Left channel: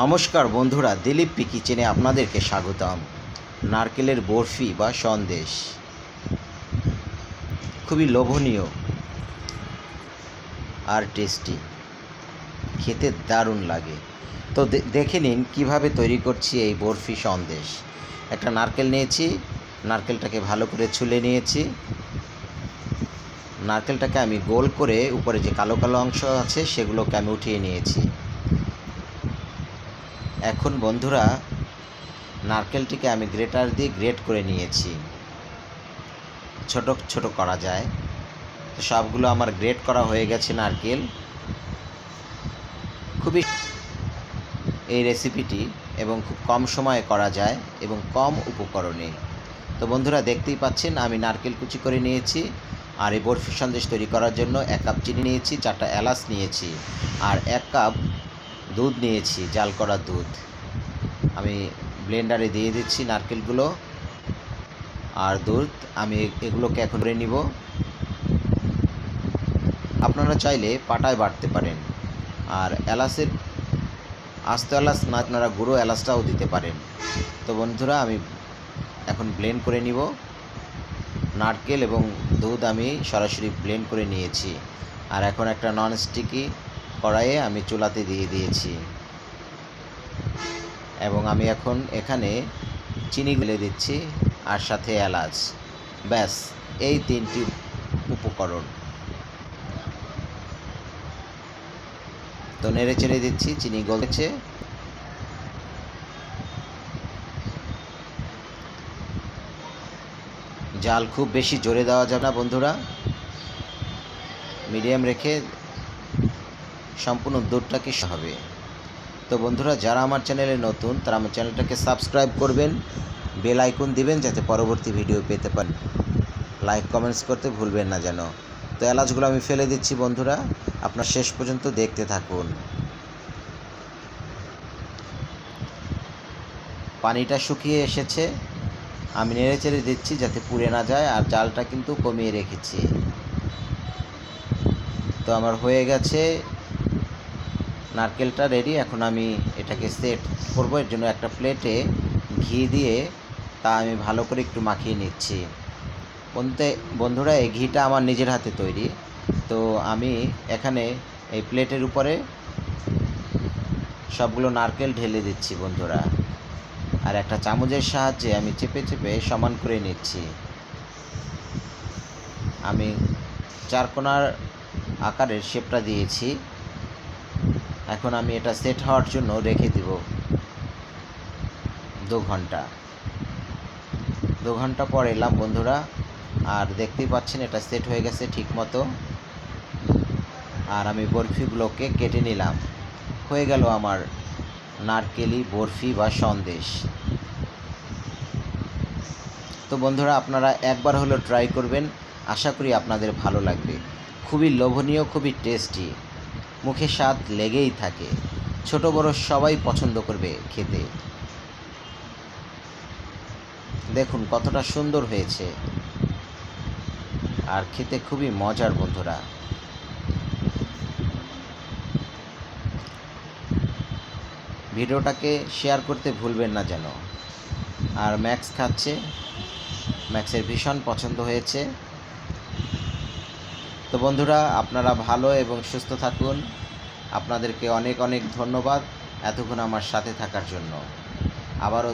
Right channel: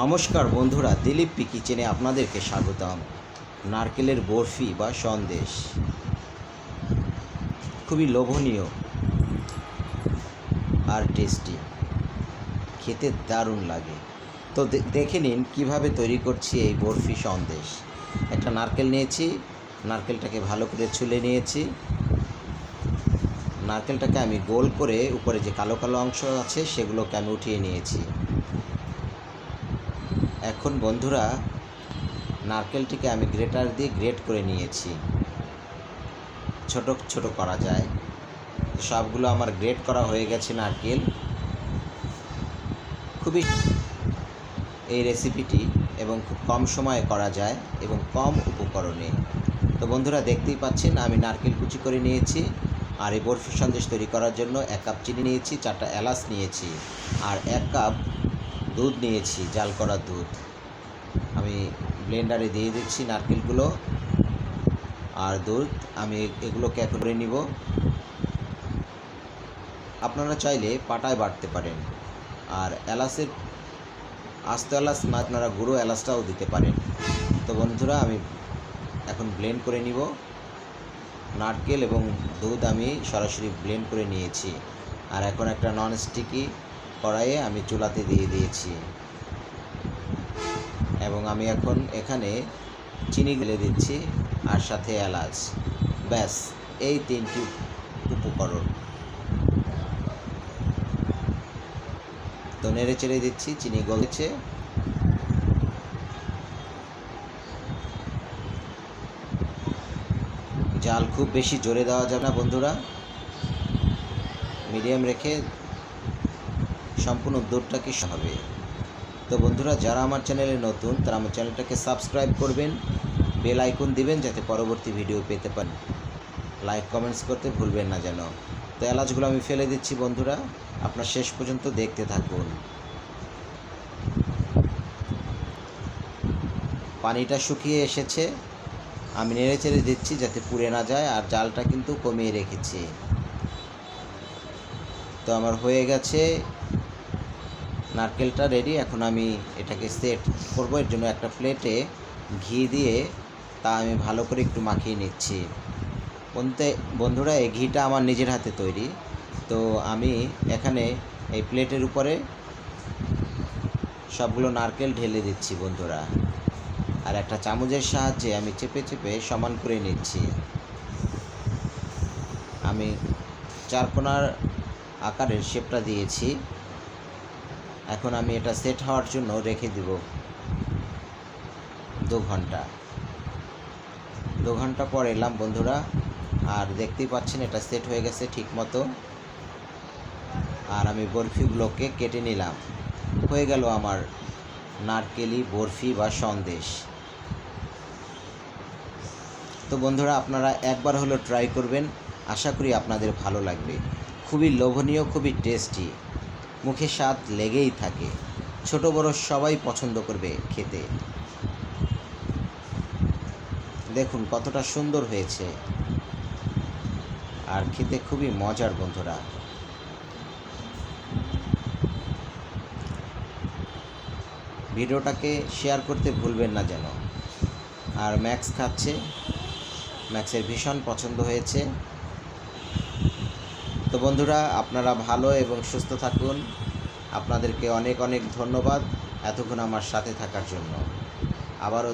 নমস্কার বন্ধুরা, দিলীপ পি কিচেনে আপনাদেরকে স্বাগতম। নারকেলের বরফি বা সন্দেশ খুবই লোভনীয় আর টেস্টি, খেতে দারুণ লাগে। তো দেখে নিন কীভাবে তৈরি করছি এই বরফি সন্দেশ। একটা নারকেল নিয়েছি, নারকেলটাকে ভালো করে ছুলে নিয়েছি। নারকেলটাকে আমি গোল করে উপরে যে কালো কালো অংশ আছে সেগুলোকে আমি উঠিয়ে নিয়েছি। এখন বন্ধুরা, নারকেলটিকে আমি গ্রেটার দিয়ে গ্রেট করে নিয়েছি। ছোট ছোট করা যায়, সবগুলো আমার গ্রেট করা হয়ে গেছে নারকেল। খুবই এই রেসিপিটি এবং খুব কম সময়ে করা যায় এবং কম উপকরণে। তো বন্ধুরা, দেখতেই পাচ্ছেন আমি নারকেল কুচি করে নিয়েছি। আর এই বরফি সন্দেশ তৈরি করার জন্য 1 কাপ চিনি নিয়েছি, 4টা এলাচ নিয়েছি, আর 1 কাপ দুধ নিয়েছি, জাল করা দুধ। আমি ব্লেন্ডারে দিয়ে দিচ্ছি নারকেলগুলো আর দুধ। আমি এগুলোকে এখন করে নিব। আপনারা চাইলে পাটায় বাটতে পারেন, আর এলাচের আস্ত এলাচ না, আপনারা গুঁড়ো এলাচটাও দিতে পারেন। তো বন্ধুরা, আমি এখন ব্লেন্ড করে নিব। নারকেল এবং দুধ আমি সরাসরি ব্লেন্ড করে নিয়েছি। আর এখন একটা নন স্টিকি কড়াইয়ে আমি চুলাতে দিয়ে দিয়েছি এবং আমি এখন এখানে চিনি গুলে দিচ্ছি আর সাথে এলাচ। ব্যাস, এই 3টি উপকরণ। তো নেড়ে চেড়ে দিচ্ছি, চিনি গলেছে। জাল খুব বেশি জোরে দেওয়া যাবে না বন্ধুরা, মিডিয়াম রেখে সম্পূর্ণ দুধটাকে হবে। তো বন্ধুরা, যারা আমার চ্যানেলে নতুন তারা আমার চ্যানেলটাকে সাবস্ক্রাইব করবেন, বেল আইকন দিবেন যাতে পরবর্তী ভিডিও পেতে পারেন। লাইক কমেন্টস করতে ভুলবেন না যেন। তো এলাচগুলো আমি ফেলে দিচ্ছি বন্ধুরা, আপনার শেষ পর্যন্ত দেখতে থাকুন। পানিটা শুকিয়ে এসেছে, আমি নেড়ে চেড়ে দিচ্ছি যাতে পুড়ে না যায়, আর জালটা কিন্তু কমিয়ে রেখেছি। তো আমার হয়ে গেছে নারকেলটা রেডি। এখন আমি এটাকে সেট করব। এর জন্য একটা প্লেটে ঘি দিয়ে তা আমি ভালো করে একটু মাখিয়ে নিচ্ছি। বন্ধুরা, এই ঘিটা আমার নিজের হাতে তৈরি। তো আমি এখানে এই প্লেটের উপরে সবগুলো নারকেল ঢেলে দিচ্ছি বন্ধুরা, আর একটা চামচের সাহায্যে আমি চেপে চেপে সমান করে নিচ্ছি। আমি 4 কোণার আকারের শেপটা দিয়েছি। এখন আমি এটা সেট হওয়ার জন্য রেখে দিব 2 ঘন্টা। 2 ঘন্টা পর এলাম বন্ধুরা, আর দেখতেই পাচ্ছেন এটা সেট হয়ে গেছে ঠিক মতো। আর আমি বরফিগুলোকে কেটে নিলাম। হয়ে গেল আমার নারকেলি বরফি বা সন্দেশ। তো বন্ধুরা, আপনারা একবার হলো ট্রাই করবেন, আশা করি আপনাদের ভালো লাগবে। খুবই লোভনীয়, খুবই টেস্টি, মুখে স্বাদ লেগেই থাকে। ছোট বড় সবাই পছন্দ করবে খেতে। দেখুন কতটা সুন্দর হয়েছে, আর খেতে খুবই মজার বন্ধুরা। ভিডিওটাকে শেয়ার করতে ভুলবেন না যেন। আর ম্যাক্স খাচ্ছে, ম্যাক্সের ভীষণ পছন্দ হয়েছে। তো বন্ধুরা, আপনারা ভালো এবং সুস্থ থাকুন। আপনাদেরকে অনেক অনেক ধন্যবাদ এতক্ষণ আমার সাথে থাকার জন্য। আবারও